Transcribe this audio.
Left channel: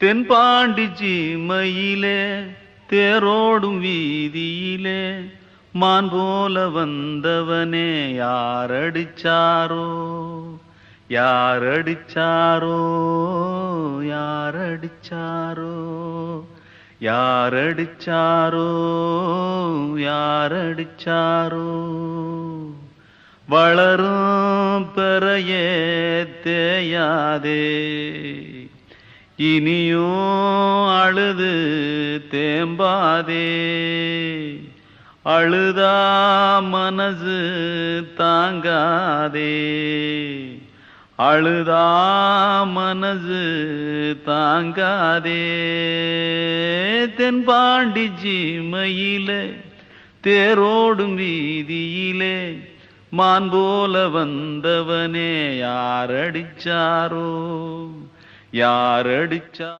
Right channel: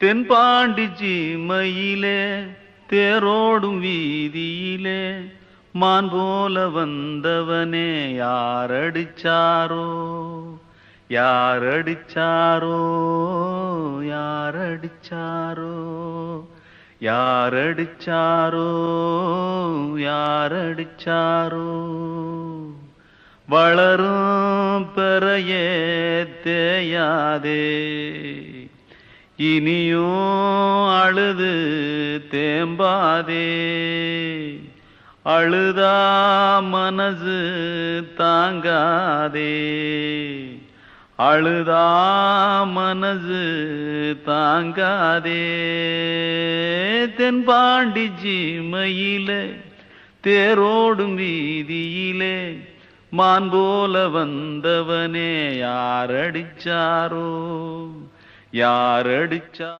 தென்பாண்டி சீமையிலே தேரோடும் வீதியிலே மான் போல வந்தவனே யாரடிச்சாரோ யாரடிச்சாரோ யாரடிச்சாரோ யாரடிச்சாரோ யாரடிச்சாரோ வளரும் பெறையே தேயாதே இனியும் அழுது தேம்பாதே அழுதா மனசு தாங்காதே அழுதா மனசு தாங்காதே தென்பாண்டி சீமையிலே தேரோடும் வீதியிலே மான் போல வந்தவனே யாரடிச்சாரோ யாரடிச்சா